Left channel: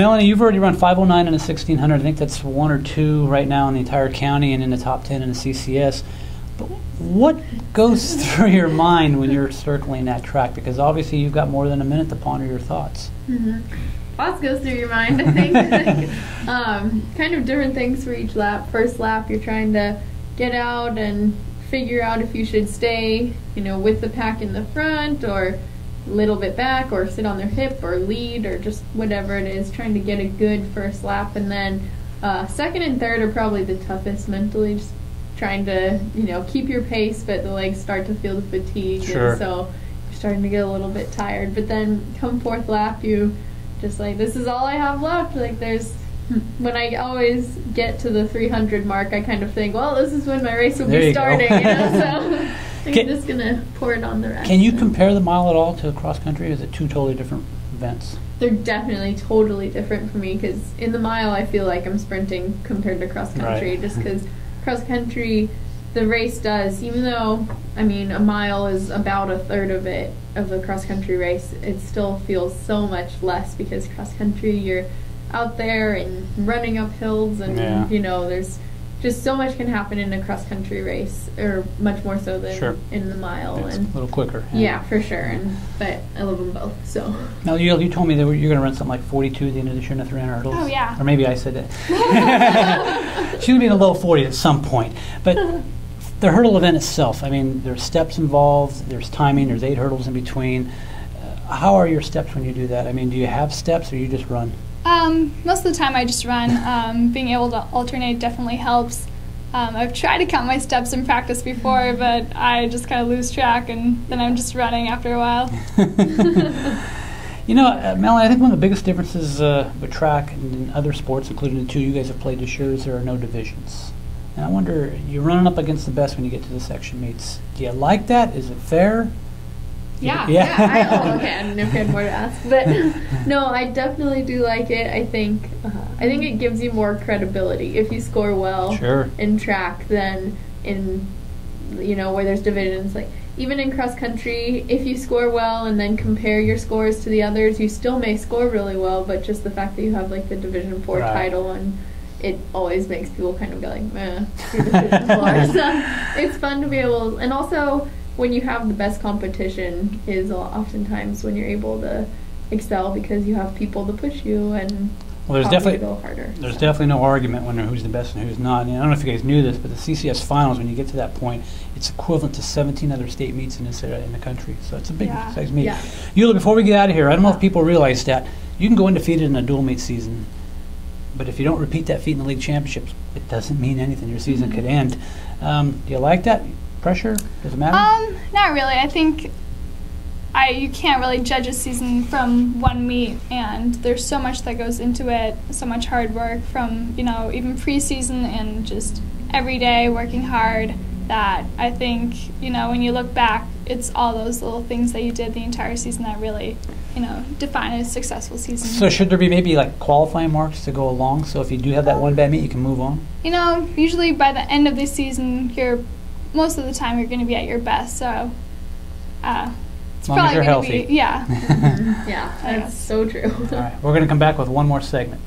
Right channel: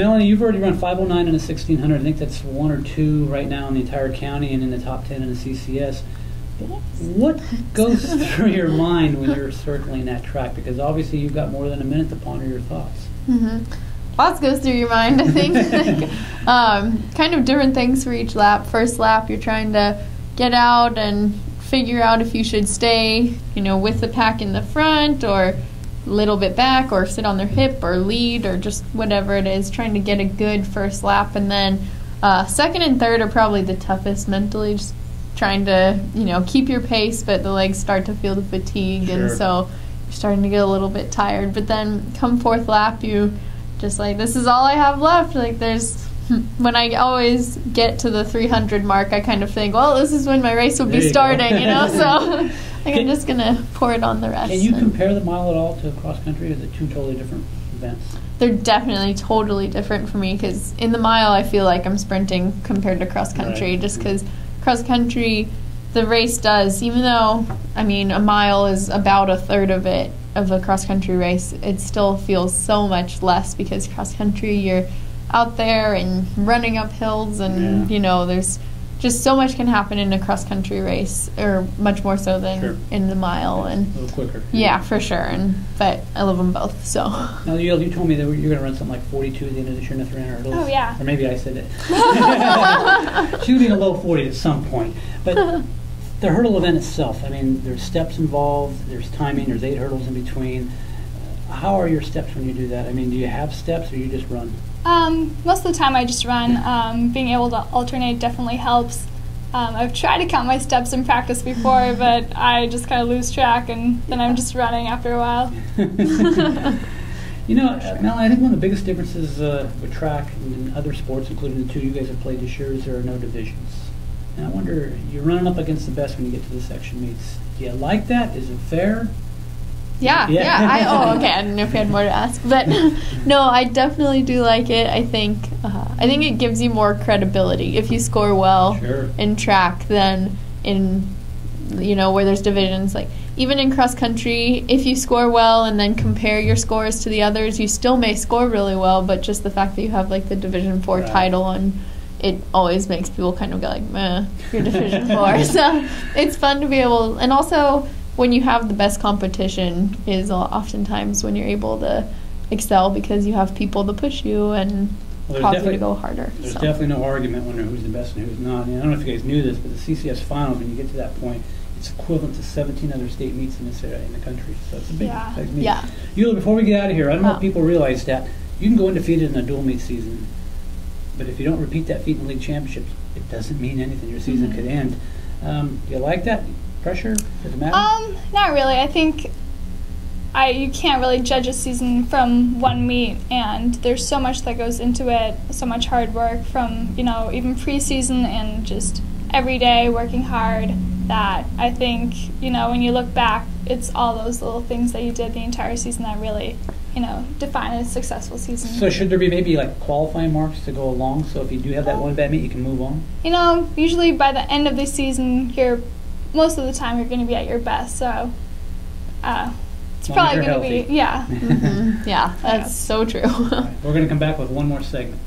Melanie, you've already run 5:09 in a 1600. I think that's 1 or 2 right now in the entire county and in the top 10 in the CCS. But what goes through your mind when you're circling that track? Because obviously you've got more than a minute to ponder your thoughts. Lots goes through your mind, I think. Kind of different things for each lap. First lap, you're trying to get out and figure out if you should stay, with the pack in the front or a little bit back or sit on their hip or lead or just whatever it is, trying to get a good first lap. And then second and third are probably the toughest mentally, just trying to, keep your pace, but the legs start to feel the fatigue. Sure. And so you're starting to get a little bit tired. But then come fourth lap, you just like, this is all I have left. Like when I always get to the 300 mark, I kind of think, well, this is when my race will be starting, so I'm just going to pour it on the rest. Can you compare the mile at all to cross country? Is it two totally different events? They're definitely totally different for me, because in the mile I feel like I'm sprinting compared to cross country, just because cross country, the race does, even though, a mile is about a third of it, of a cross country race, it still feels so much less, because cross country, you're out there and running up hills, and there's just so much can happen in a cross country race, or much more so than in the mile. It's and a little quicker. Yeah, for sure. But I love them both. So. Now you told me that you're going to run something like 42 at the end of this year in the 300 hurdles. Oh yeah. Or maybe I said that. She would be in the low 40s at some point. But the hurdle event itself, there's steps involved, there's timing, there's 8 hurdles in between. How are your steps when you do that? Do you have steps, or you just run? Most of the time I just run. Being able to alternate definitely helps. I've tried to count my steps in practice before, but I just kind of lose track, and then I'm just running after a while. Melanie, I think one of the biggest differences with track and other sports, including the two you guys have played this year, is there are no divisions. And I wonder, you're running up against the best when you get to the section meets. Do you like that? Is it fair? Yeah. Okay. I didn't know if you had more to ask, but no, I definitely do like it. I think it gives you more credibility if you score well in track than in where there's divisions. Like even in cross country, if you score well and then compare your scores to the others, you still may score really well, but just the fact that you have like the Division 4 title, and it always makes people kind of go like, meh, you're Division 4. So it's fun to be able, and also when you have the best competition is oftentimes when you're able to excel, because you have people to push you and to go harder. There's definitely no argument when who's the best and who's not. I don't know if you guys knew this, but the CCS finals, when you get to that point, it's equivalent to 17 other state meets in this area in the country. So it's a big size meet. Yeah. Jule, before we get out of here, I don't know if people realize that you can go undefeated in a dual meet season, but if you don't repeat that feat in the league championships, it doesn't mean anything. Your season could end. Do you like that? Pressure? Does it matter? Not really. I think you can't really judge a season from one meet, and there's so much that goes into it, so much hard work from, even preseason and just every day working hard, that I think, when you look back, it's all those little things that you did the entire season that really, define a successful season. So should there be maybe like qualifying marks to go along, so if you do have that one bad meet, you can move on? Usually by the end of the season, most of the time you're going to be at your best, so it's probably going to be, Yeah, that's so true. All right, we're going to come back with one more segment.